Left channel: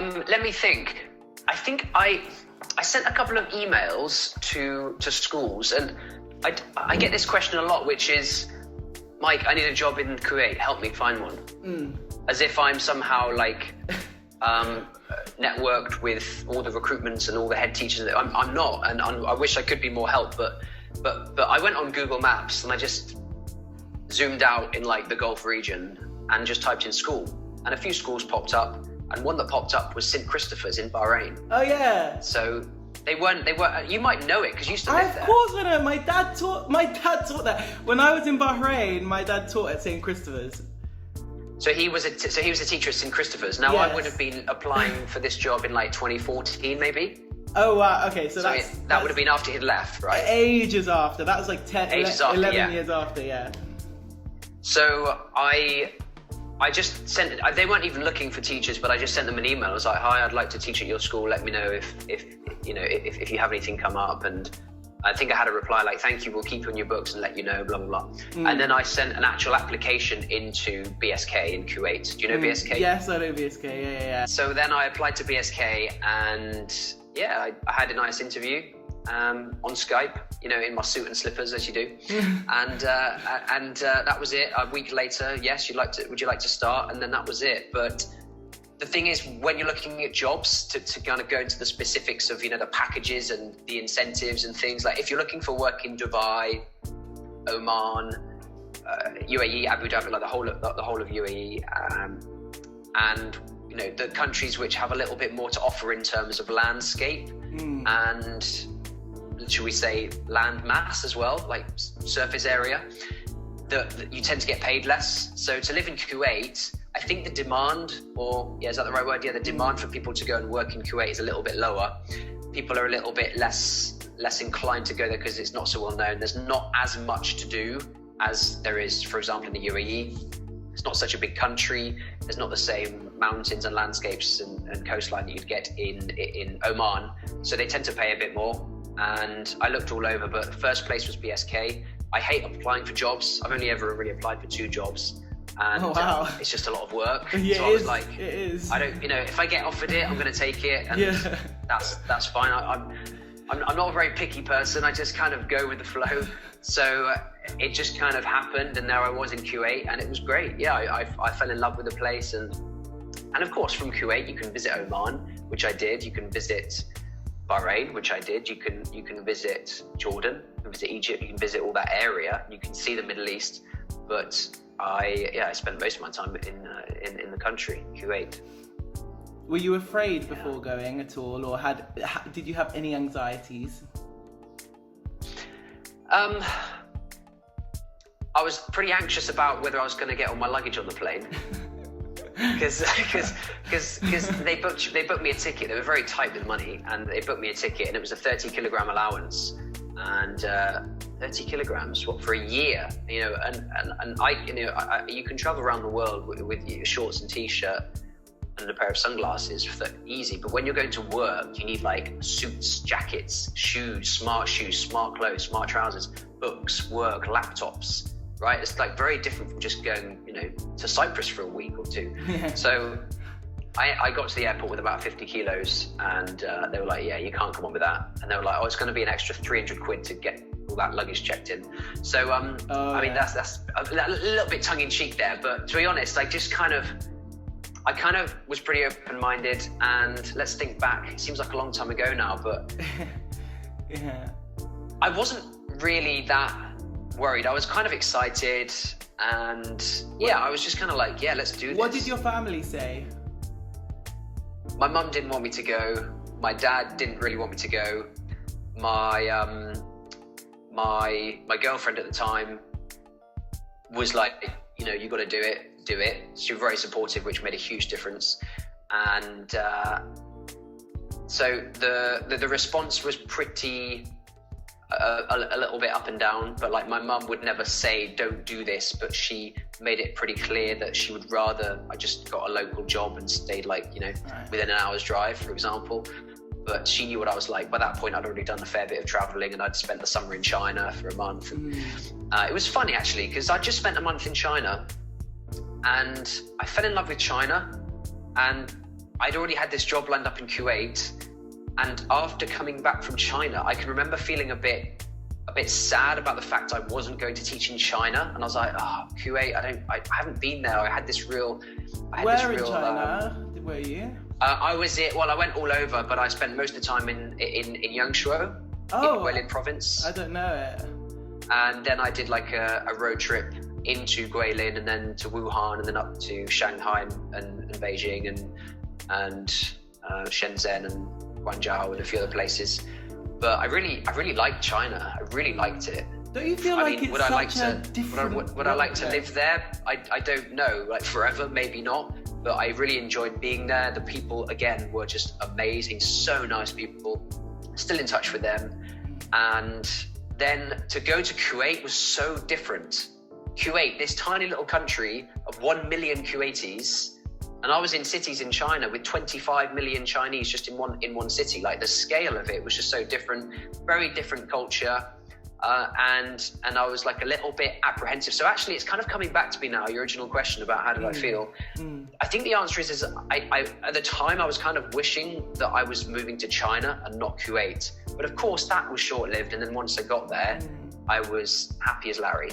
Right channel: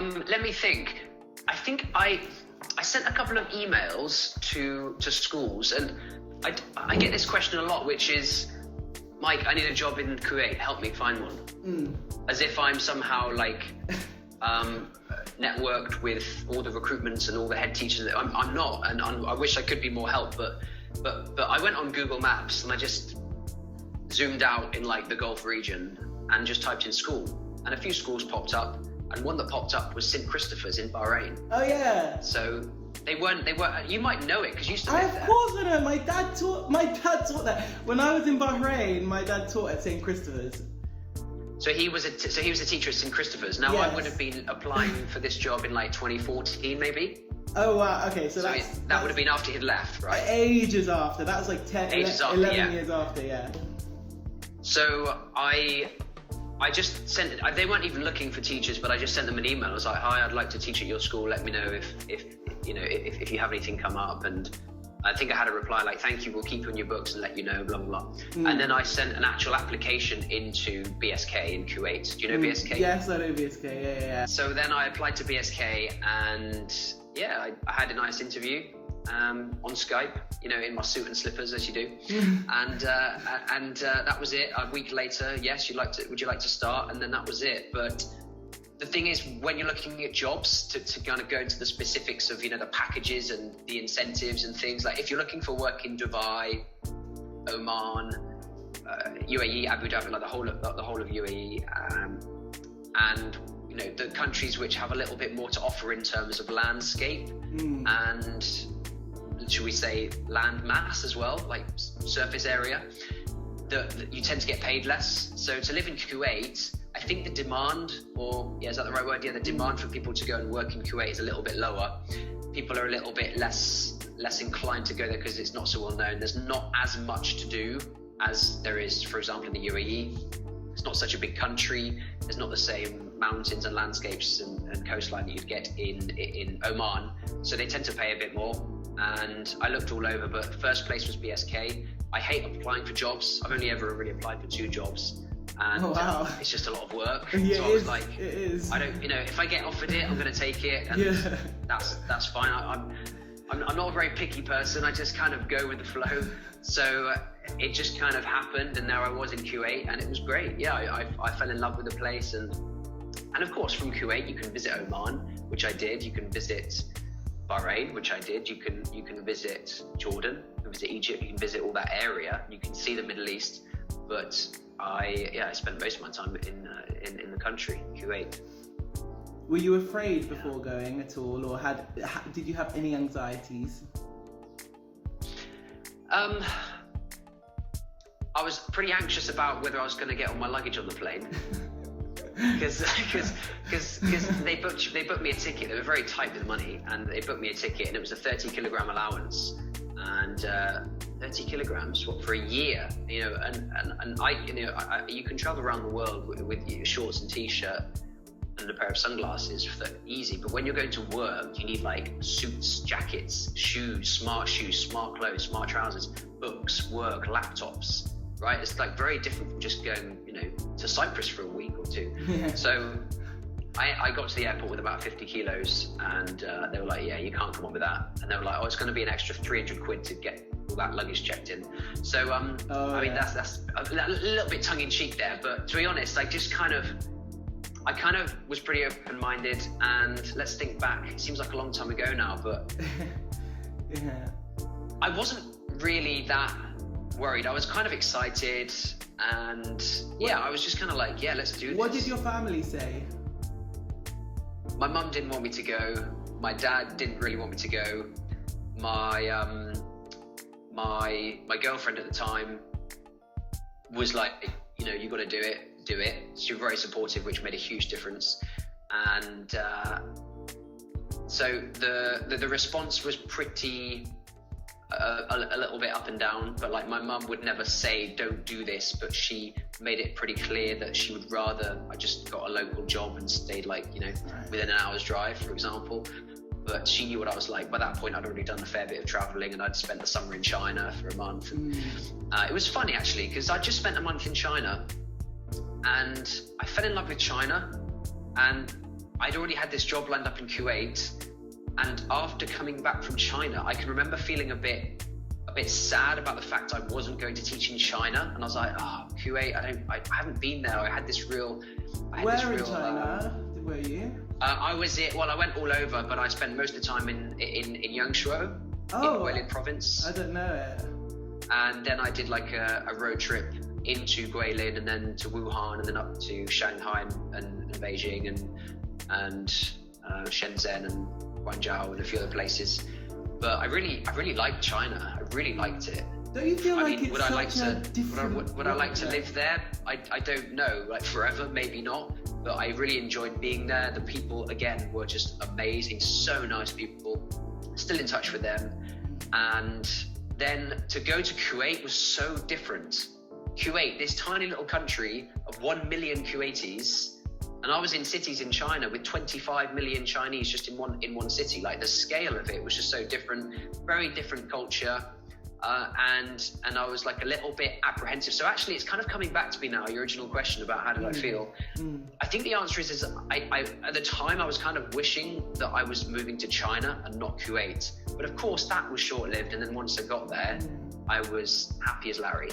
Let me think. I think I sent a couple of emails to schools, and I get this question a lot, which is, Mike, I need a job in Kuwait, help me find one. As if I'm somehow like networked with all the recruitments and all the head teachers. I'm not, and I wish I could be more help, but I went on Google Maps and I just zoomed out in like the Gulf region and just typed in school, and a few schools popped up, and one that popped up was St. Christopher's in Bahrain. Oh yeah. So they weren't, you might know it because you used to live there. Of course I know. My dad taught that. When I was in Bahrain, my dad taught at St. Christopher's. So he was a teacher at St. Christopher's. Now Yes. I would have been applying for this job in like 2014 maybe. Oh wow, okay, so that would have been after he'd left, right? Ages after. That was like 11 years after, yeah. So I just sent, they weren't even looking for teachers, but I just sent them an email. I was like, hi, I'd like to teach at your school. Let me know if you have anything come up. And I think I had a reply like, thank you, we'll keep you on your books and let you know, blah, blah, blah. And then I sent an actual application into BSK in Kuwait. Do you know BSK? Yes, I know BSK, yeah. So then I applied to BSK, and yeah, I had a nice interview on Skype, in my suit and slippers, as you do. and that was it. A week later, yes, would you like to start? And then that was it. But the thing is, when you're looking at jobs, to kind of go into the specifics of, the packages and the incentives and things, like if you're looking for work in Dubai, Oman, UAE, Abu Dhabi, like the whole of UAE, and the countries which have a little bit more to offer in terms of landscape and, should we say, land mass as well, like surface area, that you tend to get paid less. So to live in Kuwait, I think the demand, is that the right word? Yeah, the demand for people to go and work in Kuwait is a little bit lower. People are a little bit less inclined to go there because it's not so well known. There's not as much to do as there is, for example, in the UAE. It's not such a big country. There's not the same mountains and landscapes and coastline that you'd get in Oman. So they tend to pay a bit more. And I looked all over, but first place was BSK. I hate applying for jobs. I've only ever really applied for 2 jobs. And it's just a lot of work. Yeah, so I was like, it is. I don't, if I get offered it, I'm going to take it. And that's fine. I'm not a very picky person. I just kind of go with the flow. So it just kind of happened, and now I was in Kuwait, and it was great. Yeah, I fell in love with the place, and of course from Kuwait you can visit Oman, which I did. You can visit Bahrain, which I did. You can visit Jordan, you can visit Egypt, you can visit all that area. You can see the Middle East, but I spent most of my time in the country, Kuwait. Were you afraid before going at all, or did you have any anxieties? I was pretty anxious about whether I was going to get all my luggage on the plane. Because they booked me a ticket. They were very tight with money, and they booked me a ticket, and it was a 30-kilogram allowance, and 30 kilograms for a year, and I you can travel around the world with your shorts and t-shirt and a pair of sunglasses for easy, but when you're going to work, you need like suits, jackets, shoes, smart clothes, smart trousers, books, work, laptops. Right, it's like very different from just going, to Cyprus for a week or 2. Yeah. So I got to the airport with about 50 kilos, and they were like, yeah, you can't come on with that. And they were like, oh, it's going to be an extra 300 quid to get all that luggage checked in. So, that's a little bit tongue in cheek there, but to be honest, I kind of was pretty open-minded, and let's think back. It seems like a long time ago now, but yeah, I wasn't really that worried. I was kind of excited, and I was just kind of like, yeah, let's do this. What did your family say? My mum didn't want me to go. My dad didn't really want me to go. My my girlfriend at the time was like, you got to do it. She was very supportive, which made a huge difference. And so the response was pretty a little bit up and down, but like my mum would never say don't do this, but she made it pretty clear that she would rather I just got a local job and stayed within an hour's drive, for example. But she knew what I was like. By that point I'd already done a fair bit of traveling, and I'd spent the summer in China for a month. It was funny actually, because I just spent a month in China and I fell in love with China, and I'd already had this job lined up in Kuwait, and after coming back from China, I can remember feeling a bit sad about the fact I wasn't going to teach in China, and I was like, Kuwait, I haven't been there. I had this real. Where in China were you? I went all over, but I spent most of the time in Yangshuo, in Guilin province. I don't know it. And then I did like a road trip into Guilin, and then to Wuhan, and then up to Shanghai and Beijing and Shenzhen and Guangzhou and a few other places. But I really liked China. I really liked it. Don't you feel it's such a different... Would I like to live there? I don't know. Like forever, maybe not. But I really enjoyed being there. The people, again, were just amazing. So nice people. Still in touch with them. And then to go to Kuwait was so different. Kuwait, this tiny little country of 1 million Kuwaitis, and I was in cities in China with 25 million Chinese just in one city. Like the scale of it was just so different, very different culture, and I was like a little bit apprehensive. So actually, it's kind of coming back to me now. Your original question about how did I feel? I think the answer is I at the time I was kind of wishing that I was moving to China and not Kuwait. But of course, that was short lived. And then once I got there, I was happy as Larry.